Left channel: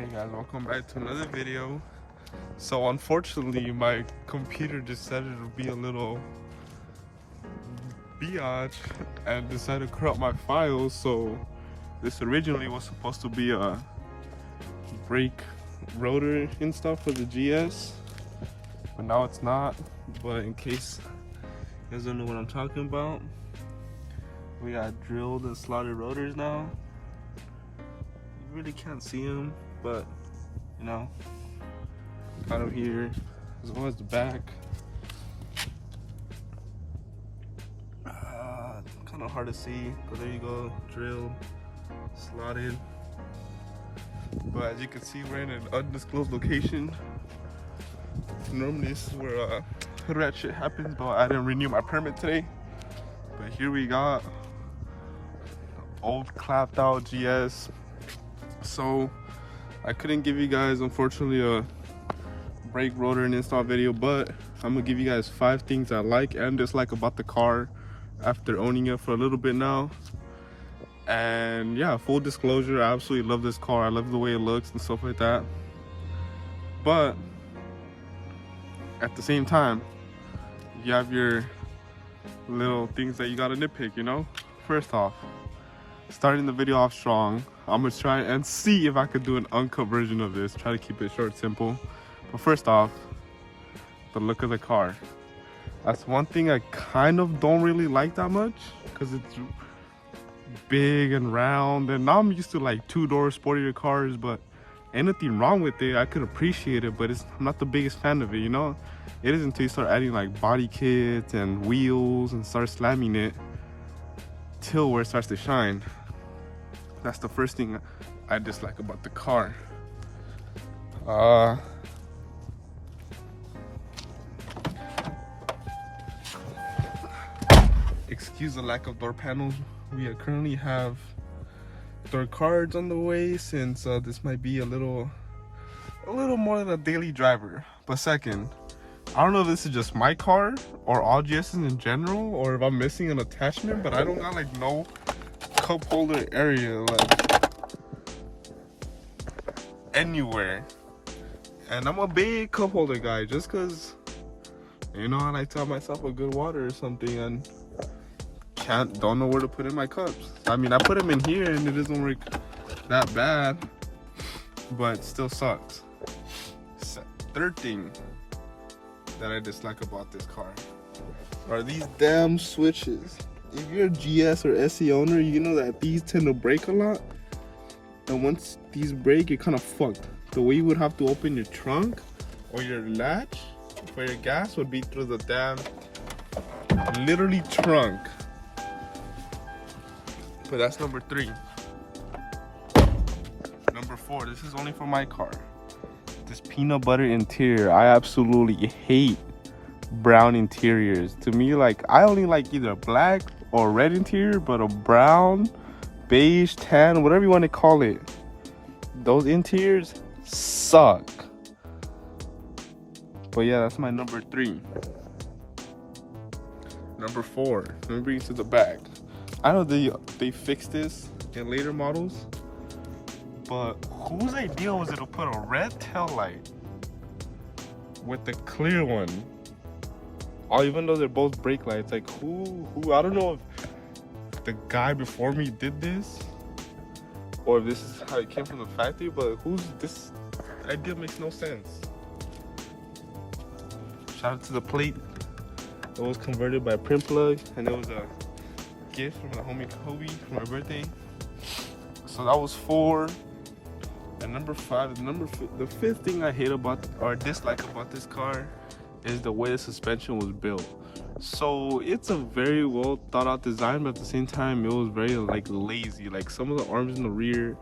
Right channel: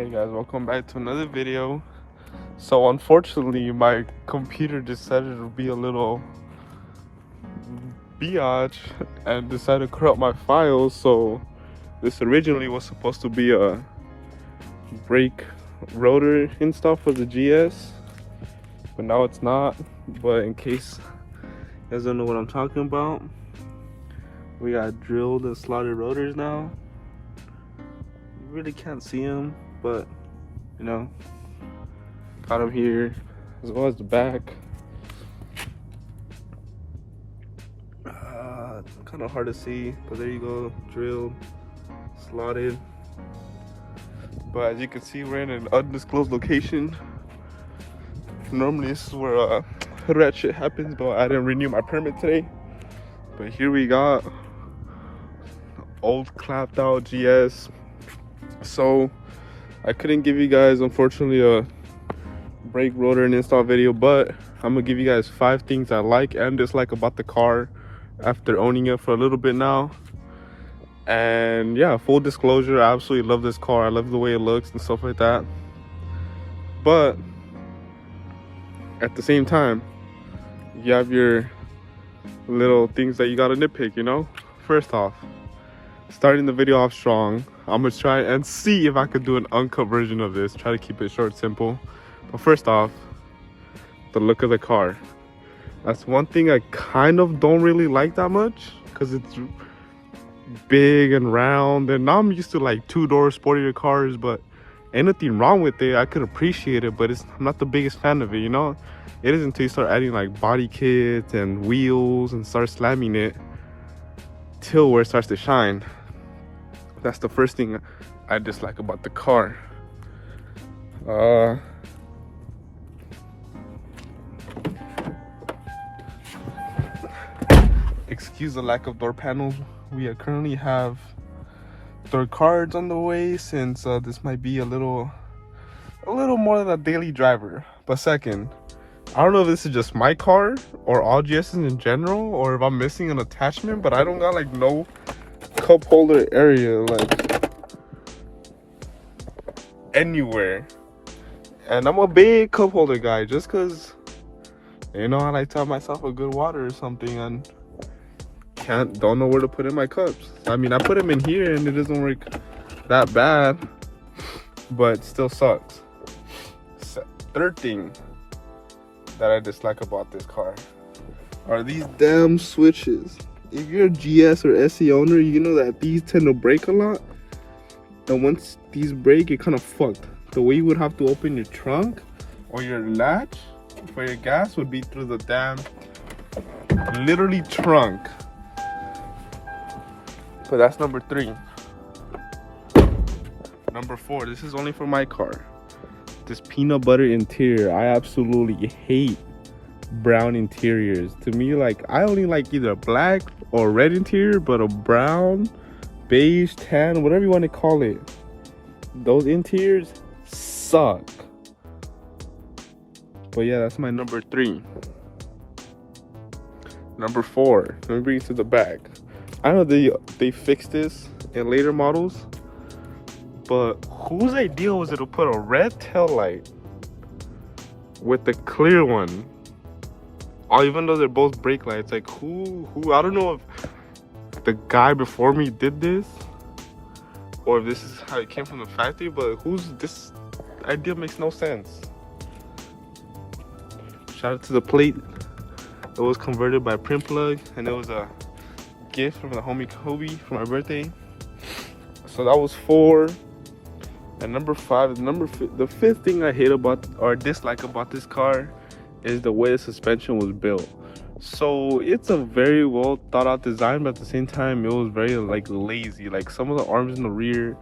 Hey guys, welcome back to another video. So unfortunately my computer decided to be a little biatch and decided to corrupt my files. So this originally was supposed to be a brake rotor install for the GS, but now it's not. But in case you guys don't know what I'm talking about, we got drilled and slotted rotors now. You really can't see them, but you know, got them here as well as the back. Kind of hard to see, but there you go, drilled, slotted. But as you can see, we're in an undisclosed location. Normally this is where hood rat shit happens, but I didn't renew my permit today. But here we got old clapped out GS. So I couldn't give you guys, unfortunately, a brake rotor and install video, but I'm gonna give you guys 5 things I like and dislike about the car after owning it for a little bit now. And yeah, full disclosure, I absolutely love this car. I love the way it looks and stuff like that, but at the same time, you have your little things that you gotta nitpick, you know. First off, starting the video off strong, I'm gonna try and see if I could do an uncut version of this, try to keep it short, simple. But first off, the look of the car. That's one thing I kind of don't really like that much, because it's big and round, and now I'm used to like 2-door sportier cars, but ain't nothing wrong with it. I could appreciate it, but I'm not the biggest fan of it, you know. It is until you start adding like body kits and wheels and start slamming it till where it starts to shine. That's the first thing I dislike about the car. Excuse the lack of door panels. We currently have door cards on the way, since this might be a little more than a daily driver. But second, I don't know if this is just my car or all GS's in general, or if I'm missing an attachment, but I don't got like no cup holder area like anywhere. And I'm a big cup holder guy, just because, you know, I like to have myself a good water or something, and don't know where to put in my cups. I mean, I put them in here and it doesn't work that bad, but it still sucks. Third thing that I dislike about this car are these damn switches. If you're a GS or SE owner, you know that these tend to break a lot, and once these break, you're kind of fucked. The way you would have to open your trunk or your latch for your gas would be through the damn literally trunk. But that's number 3. Number 4, this is only for my car. This peanut butter interior. I absolutely hate brown interiors. To me, like, I only like either black or red interior, but a brown, beige, tan, whatever you want to call it, those interiors suck. But yeah, that's my number 3. Number 4, let me bring it to the back. I know they fixed this in later models, but whose idea was it to put a red tail light with the clear one? Oh, even though they're both brake lights, like who? I don't know if the guy before me did this, or if this is how it came from the factory, but this idea makes no sense. Shout out to the plate. It was converted by Print Plug, and it was a gift from the homie Kobe for my birthday. So that was 4. And number 5, the 5th thing I hate about or dislike about this car is the way the suspension was built. So it's a very well thought out design, but at the same time it was very like lazy. Like, some of the arms in the rear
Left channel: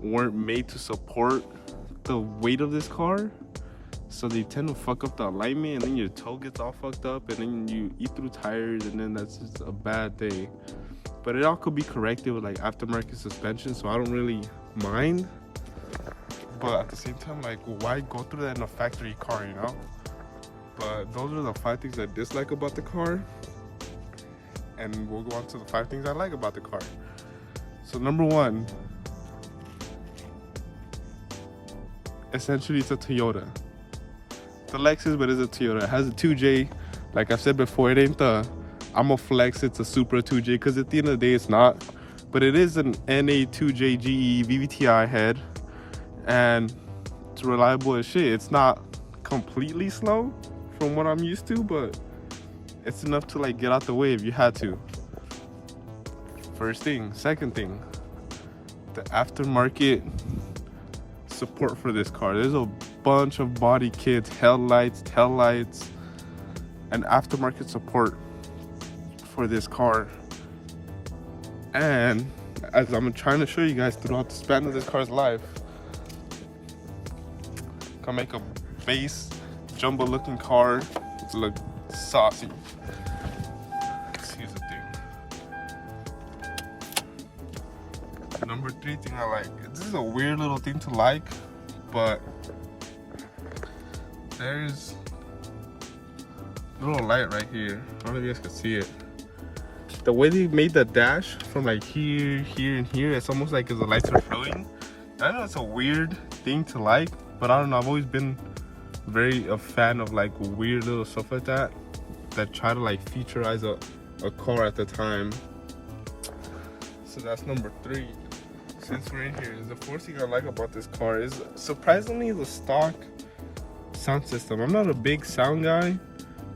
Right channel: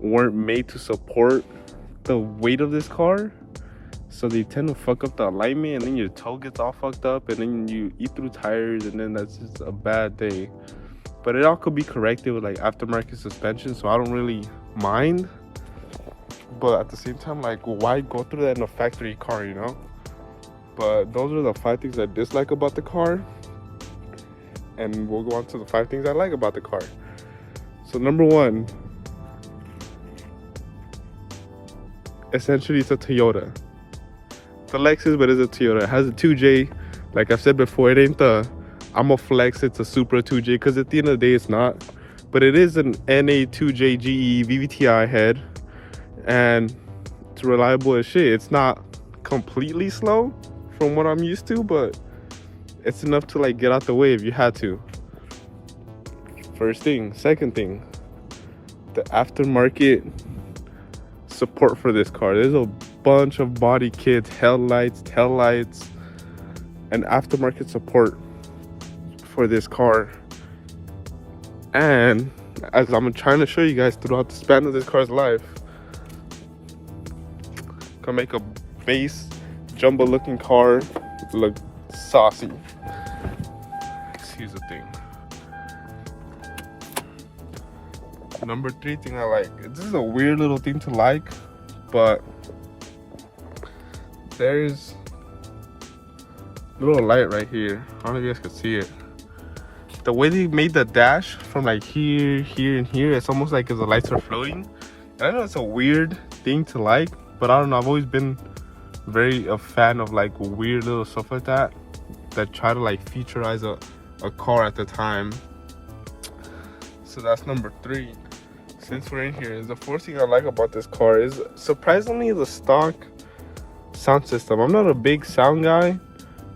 weren't made to support the weight of this car, so they tend to fuck up the alignment, and then your toe gets all fucked up, and then you eat through tires, and then that's just a bad day. But it all could be corrected with like aftermarket suspension, so I don't really mind. But at the same time, like, why go through that in a factory car, you know? But those are the 5 things I dislike about the car, and we'll go on to the 5 things I like about the car. So number 1, essentially it's a Toyota. It's a Lexus, but it's a Toyota. It has a 2J. Like I said before, it ain't the I'm a flex, it's a Supra 2J, because at the end of the day it's not. But it is an NA 2J GE VVTi head, and it's reliable as shit. It's not completely slow from what I'm used to, but it's enough to like get out the way if you had to. First thing. Second thing, the aftermarket support for this car. There's a bunch of body kits, headlights, taillights, and aftermarket support for this car. And as I'm trying to show you guys throughout the span of this car's life, gonna make a base jumbo looking car look saucy. Here's the thing. Number 3 thing I like. This is a weird little thing to like, but there's a little light right here. I don't know if you guys can see it. The way they made the dash from like here, here, and here, it's almost like the lights are floating. And I know it's a weird thing to like, but I don't know. I've always been very a fan of like weird little stuff like that try to like featurize a car at the time. So that's number 3. Since we're in here, the 4th thing I like about this car is surprisingly the stock sound system. I'm not a big sound guy,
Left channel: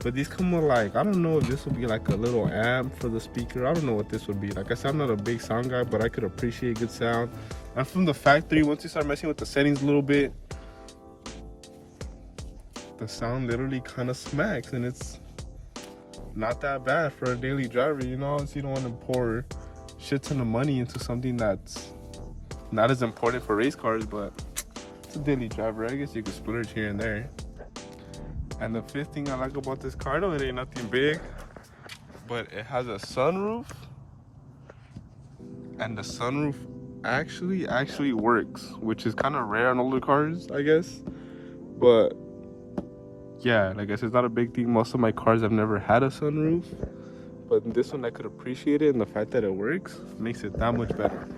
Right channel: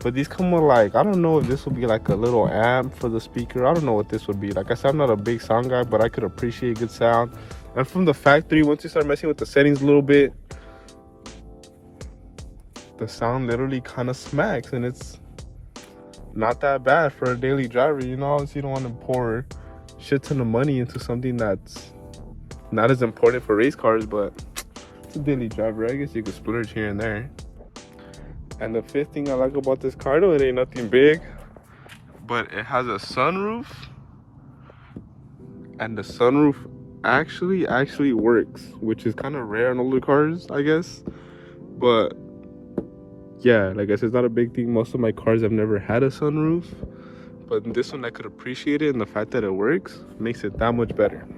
but these come with like, I don't know if this would be like a little amp for the speaker. I don't know what this would be. Like I said, I'm not a big sound guy, but I could appreciate good sound. And from the factory, once you start messing with the settings a little bit, the sound literally kind of smacks, and it's not that bad for a daily driver. You know, obviously you don't want to pour shit ton of money into something that's not as important for race cars, but it's a daily driver. I guess you could splurge here and there. And the 5th thing I like about this car, though, it ain't nothing big, but it has a sunroof, and the sunroof actually works, which is kind of rare on older cars, I guess. But yeah, like I said, it's not a big thing. Most of my cars have never had a sunroof, but in this one I could appreciate it, and the fact that it works makes it that much better.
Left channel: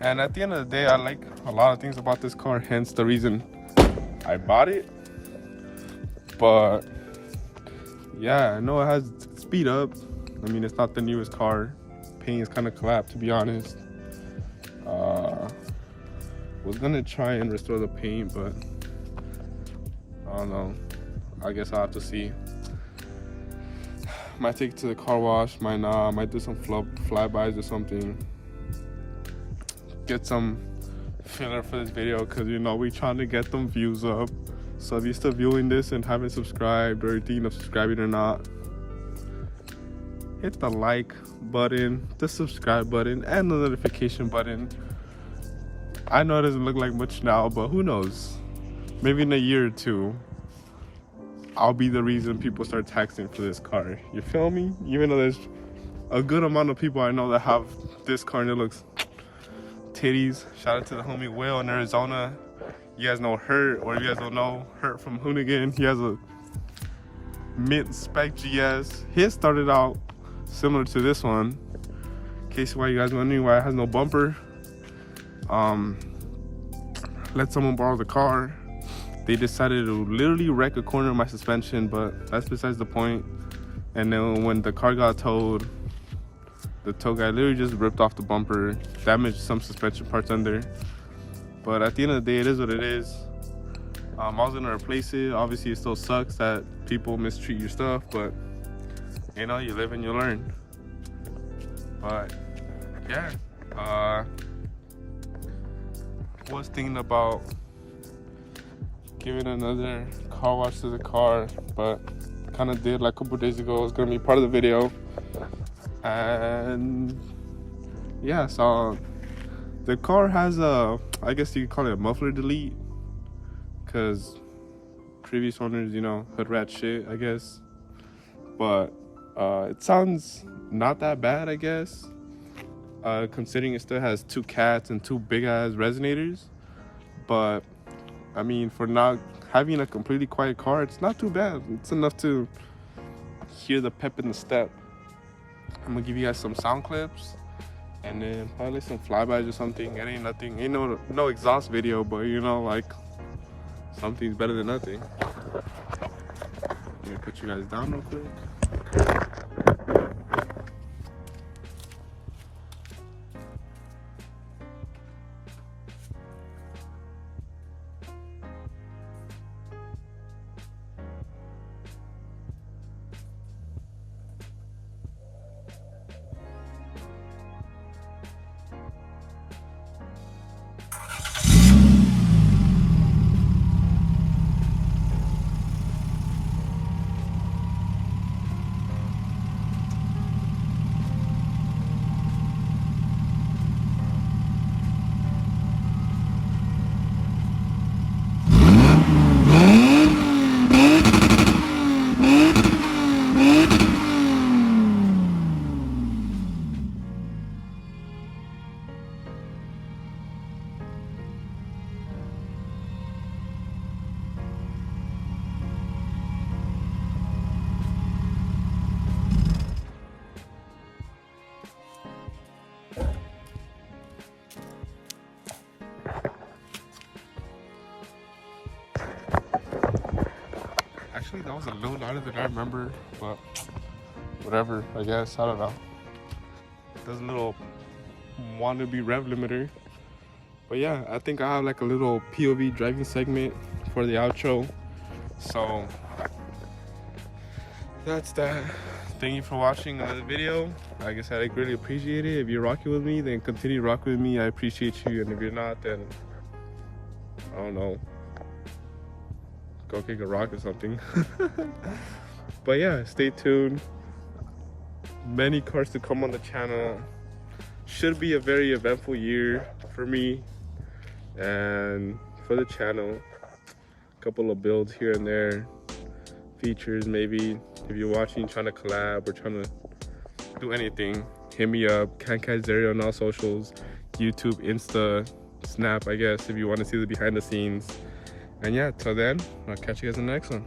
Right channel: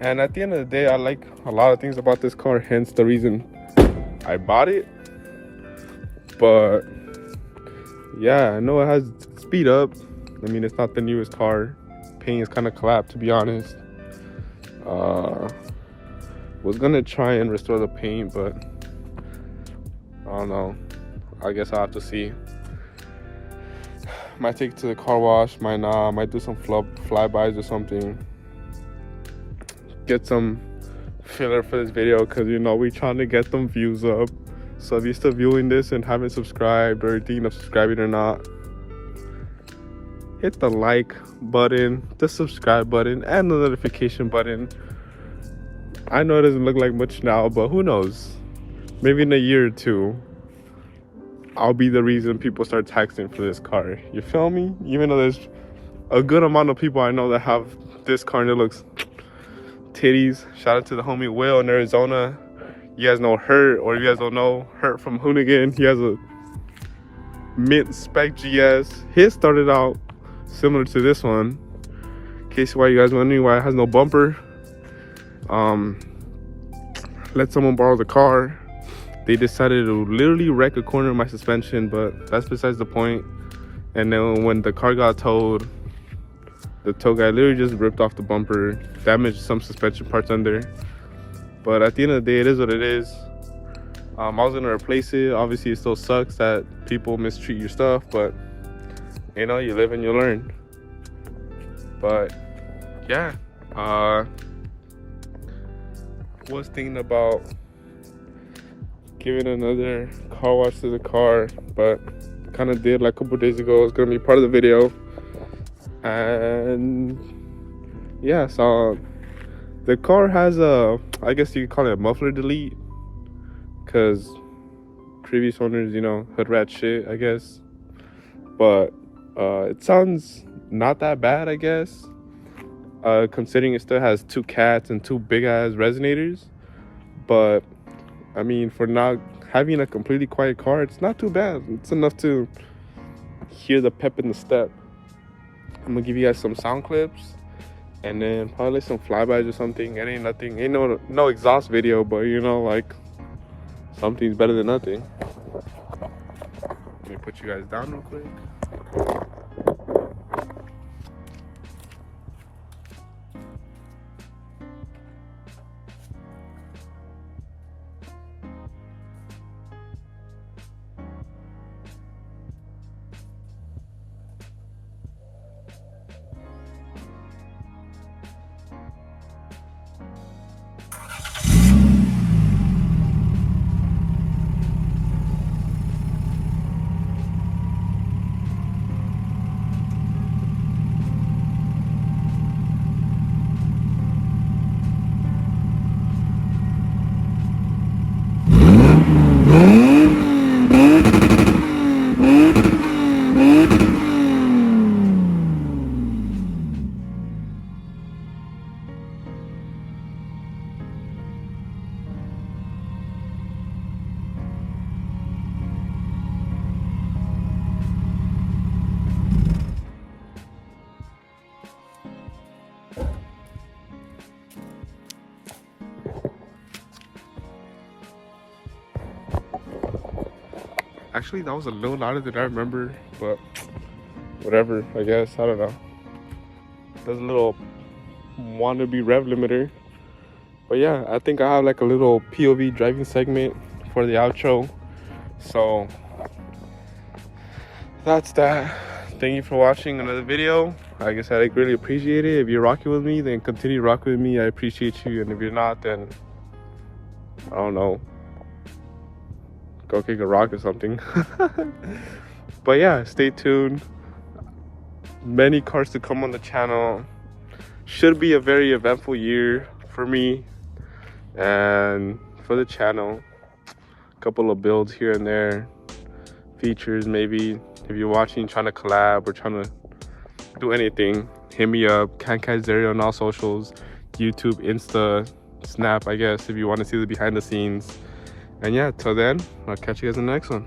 And at the end of the day, I like a lot of things about this car, hence the reason I bought it. But yeah, I know it has speed up. I mean, it's not the newest car. Paint is kind of collapsed, to be honest. Was gonna try and restore the paint, but I don't know. I guess I'll have to see. Might take it to the car wash, might not. Might do some flybys or something. Get some filler for this video, because you know we trying to get them views up. So if you're still viewing this and haven't subscribed, or thinking of subscribing or not, hit the like button, the subscribe button, and the notification button. I know it doesn't look like much now, but who knows? Maybe in a year or 2, I'll be the reason people start taxing for this car. You feel me? Even though there's a good amount of people I know that have this car and it looks titties. Shout out to the homie Will in Arizona. You guys know Hurt, or if you guys don't know Hurt from Hoonigan, he has a mint spec GS. His started out similar to this one. In case why you guys wondering why it has no bumper. Let someone borrow the car. They decided to literally wreck a corner of my suspension, but that's besides the point. And then when the car got towed, the tow guy literally just ripped off the bumper, damaged some suspension parts under. But at the end of the day, it is what it is. I was gonna replace it. Obviously, it still sucks that people mistreat your stuff, but you know, you live and you learn. But yeah, was thinking about giving another car wash to the car, but kind of did like a couple days ago. It's gonna be part of the video. And yeah, so the car has a, I guess you could call it a muffler delete, because previous owners, you know, hood rat shit, I guess. But it sounds not that bad, I guess, considering it still has 2 cats and 2 big ass resonators. But I mean, for not having a completely quiet car, it's not too bad. It's enough to hear the pep in the step. I'm gonna give you guys some sound clips, and then probably some flybys or something. It ain't nothing, ain't no exhaust video, but you know, like something's better than nothing. Let me put you guys down real quick. Actually, that was a little louder than I remember, but whatever, I guess. I don't know. There's a little wannabe rev limiter. But yeah, I think I have like a little POV driving segment for the outro. So that's that. Thank you for watching another video. Like I said, I really appreciate it. If you're rocking with me, then continue rocking with me. I appreciate you. And if you're not, then I don't know, go kick a rock or something. But yeah, stay tuned. Many cars to come on the channel. Should be a very eventful year for me and for the channel. A couple of builds here and there, features maybe. If you're watching, trying to collab or trying to do anything, hit me up. gs300 on all socials, YouTube, Insta, Snap, I guess, if you want to see the behind the scenes. And yeah, till then, I'll catch you guys in the next one.